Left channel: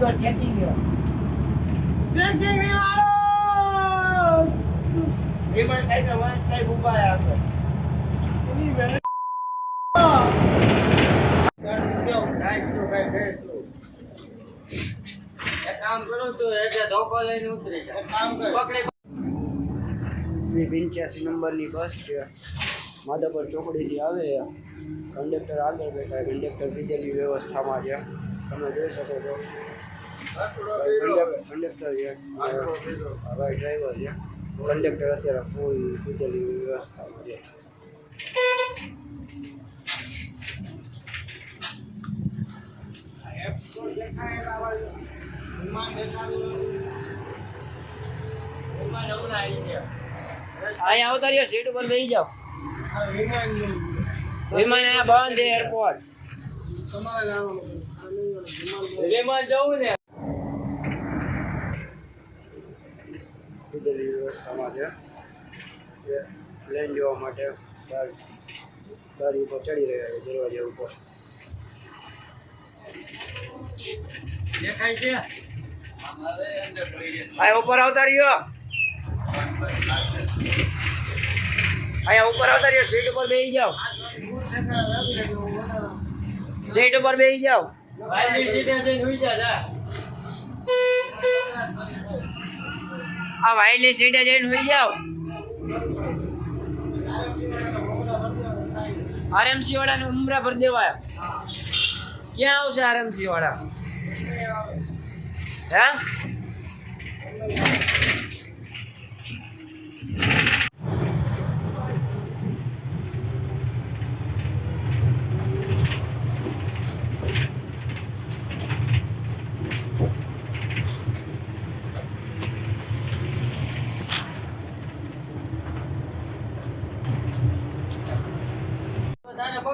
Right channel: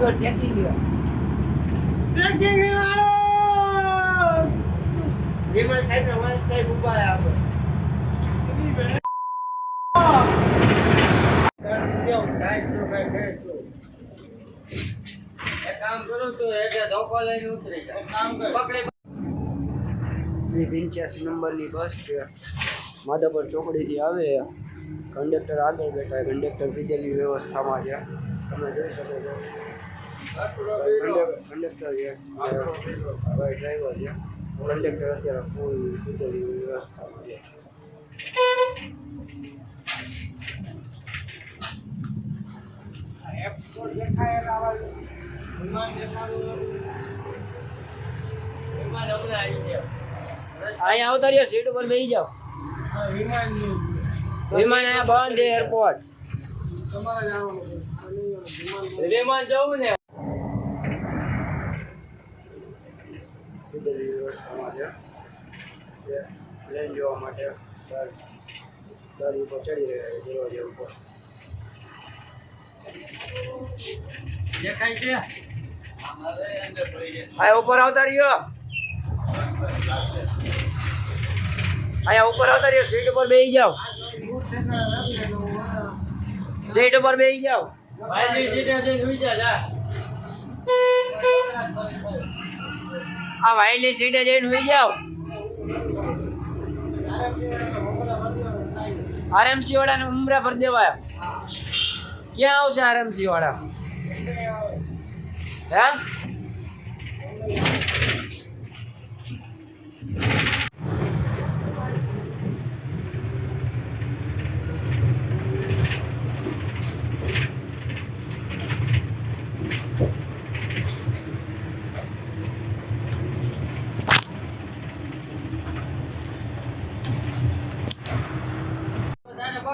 તો ચેકિંગ દેખી માણસ વિમલ સાહેબ ને સાહેબ ઊભા આગળ એની એક કામ કરું તો એટલે ધોકો લઈને ઉતરી જાય કામ કર પંચ્યાસી નંબરની બસ છે. માધાપર ચોકડીથી આવે કંડક્ટર આગળ બેઠા કંડક્ટર પીધેલી વ્યવસ્થામાં છે. તમે જોઈ શકો છો. કંડક્ટર છે ભાઈ ડ્રાઈવર છે કંડક્ટર અત્યારે ફૂલ પીધેલી વ્યવસ્થામાં છે. અહીંયા આવતા રહ્યો સીટ ઉપર બેસી જાઓ. વિમાન બંધ એરપોર્ટ વિમાન જવું ને? વ્યવસ્થામાં છે. જે પ્લેન જોવા માટે ગાડી ગાડી ઉપર ચડી રહ્યા છે દરવાજા ઉપર. દેખાય છે? અહીંયા ઉપર આવતા રહ્યો. અહીંયા ઉપર આવતા રહ્યો. સીટ ઉપર બેસી જાઓ. સીટ ઉપર બેસી જાઓ. આ વાયલી સીટે જઈને હોઈ જાઓ. આરએમસી વાળાને ઉમરા ભર દેવા ક્યાં આવશે આરએમસી વાળા હે?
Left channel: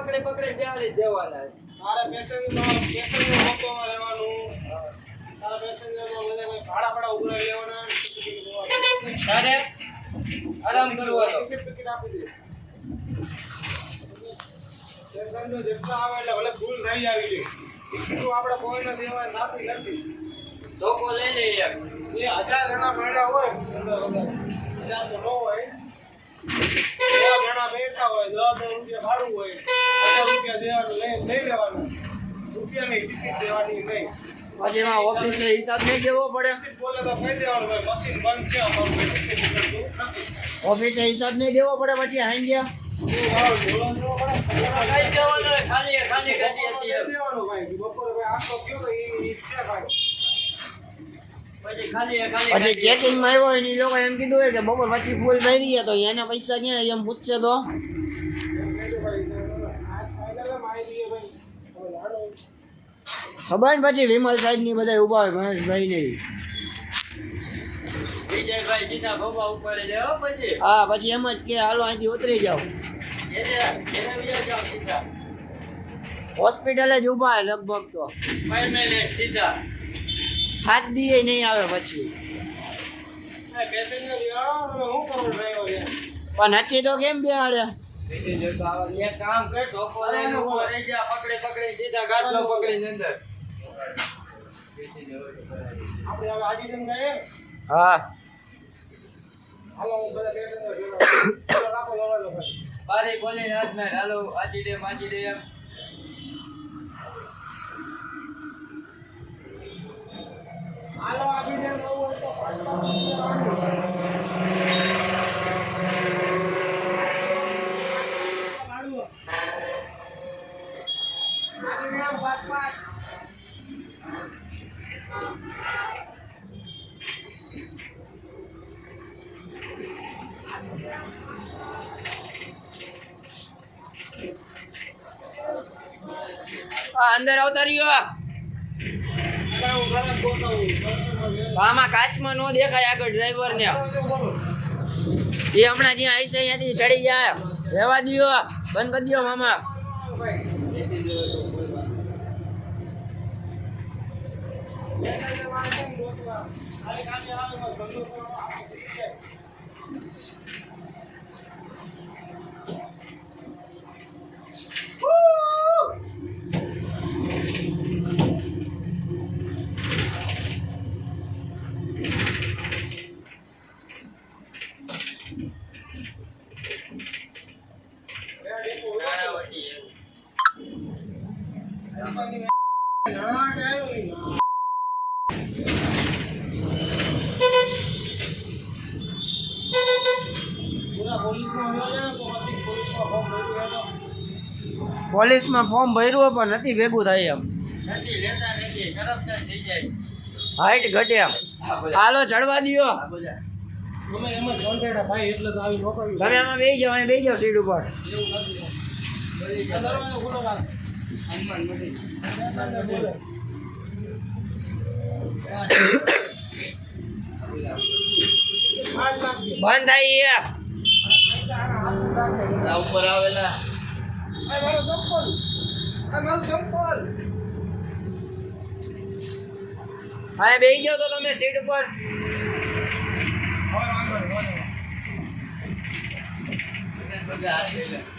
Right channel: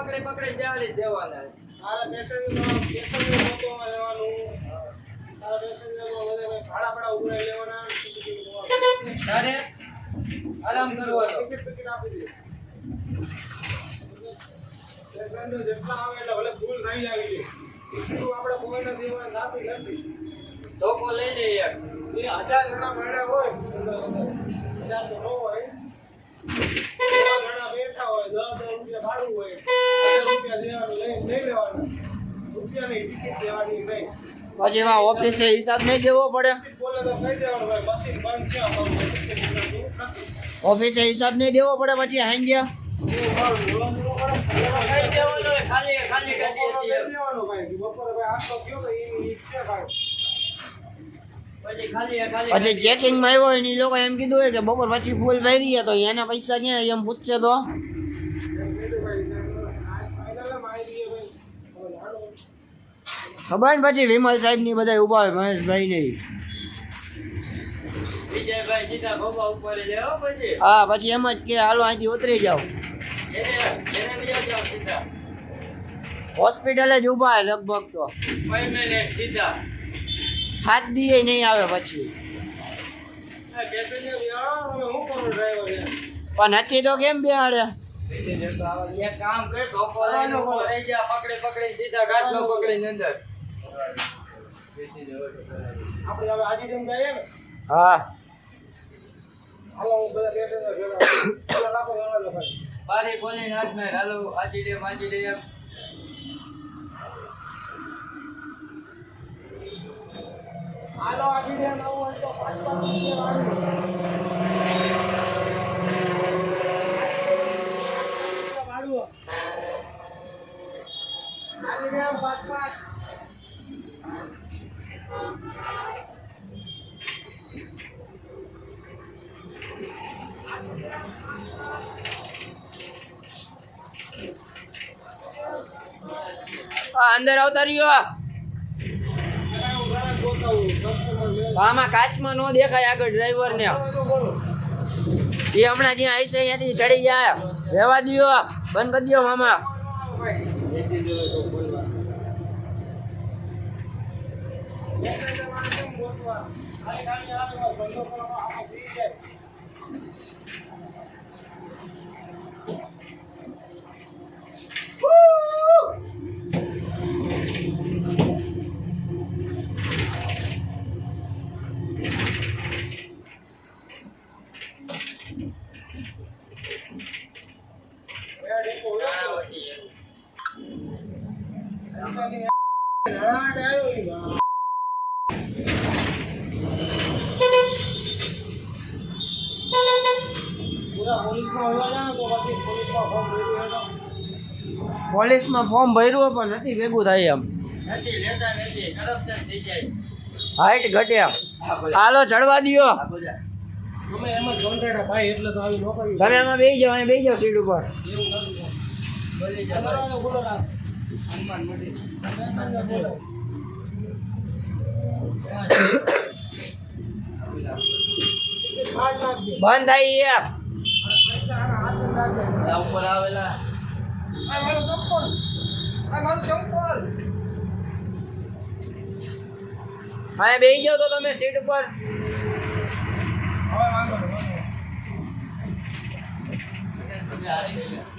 પકડી પકડી જાડી જવાના. મારા પેસેન્જર પેસેન્જર મોટોમાં રહેવાનું. તારા પેસેન્જર બધા કોઈ ભાડા ભાડા ઉભરા લેવાના. તારે આરામ કરવાનો. ટિકિટ ટિકિટ આપી દે પેસેન્જર જેટલા આવે એટલે ભલે ભૂલ થઈ આવી છે તું આપણે કોઈને દેવા નાતી નથી. ધોકો લઈ લે યાર એ હજાર જણા મળ્યા હોય હજાર તો ન હોય. બેઠા હોય દસ દસ રૂપિયા ભાડું હોય હજાર રૂપિયા દેવાનું લઈ લઈ લેવાનું. રૂપિયાની ટિકિટ દેવાની નહીં. પછી એમાં ઓફિસે હિસાબ નહીં દેવો પડે. બોલે તો કહી દેવાનું ભાઈ મશીન બંધ છે અમારું ઓફિસે હિસાબ નહીં દેવો પડે પછી હાંજે ગયા. ખાલી ખાલી બપોરે ભાઈ આટલો ગયો તો એ ઈ ભાઈ. પછી ચેકિંગમાં આવ્યો હોય ને એ લોકો એમ કીધું હોય કે બપોર પછી ફૂલ ભરી તો એના પૈસા ક્યાં એમ પૂછશે તો. ખબર ને પછી વિમલ સાહેબની બધા ઊભા હોય મહેશભાઈ ને. હા પછી. એમ જ કે હાલો અહીંથી ઉતરી જાઓ. હોસ્પિટલે જ ઊભા લગભગ તો. હાથ દીએ નહીં આવે પછી. પેસેન્જર હું કરું ડ્રાઈવર યાર પણ નક્કી તો કેમ બેહાડે? પેસેન્જર તો આવા દે. એક કામ કર પકડી પકડી સીધા ગાડલો પકડીને અંદર આપણે હવે આજી કેમ જઈએ ને હા. હાલો હું બધા પેસેન્જર ભેગા ચાલો રાખો દરવાજો ભાઈ બારી ખોલીને હાથ મેં હાલો આજી રે વાંચી દે હાલો આજી દે નવું હોય તો ભાડું. આજી દે આમ પાંચ પાંચ. આ અંદર આવતા રહ્યો. આમાં કાચમાં નો દેખાય આગળ ડ્રાઈવર ને એ હમણાં જ્યાં આવીશે અહીંયાથી ચડી જાય રહેવા દો બંધ કરી દો મામા પેસેન્જર વાળા કેમ ગોતવા? ખાલી ખાલી આવે બસ, ધંધો કરવા આખો દી જાય. ઘરાટ આવ્યો ઈ. હા. પૂરા પોલીસમાં ફોર્મ ભર્યું પણ નથી ભેગું થાય એમ. હાઈટ ઘટ્યા. હાલો ચડવા દ્યો. તમે એમાં બે જાઓ બેસી જાઓ સીટ ઉપર. બંધ થાય એ ઉપર આવેલા. હા બેસી જાઓ તો તમે સીટ ઉપર. હવે.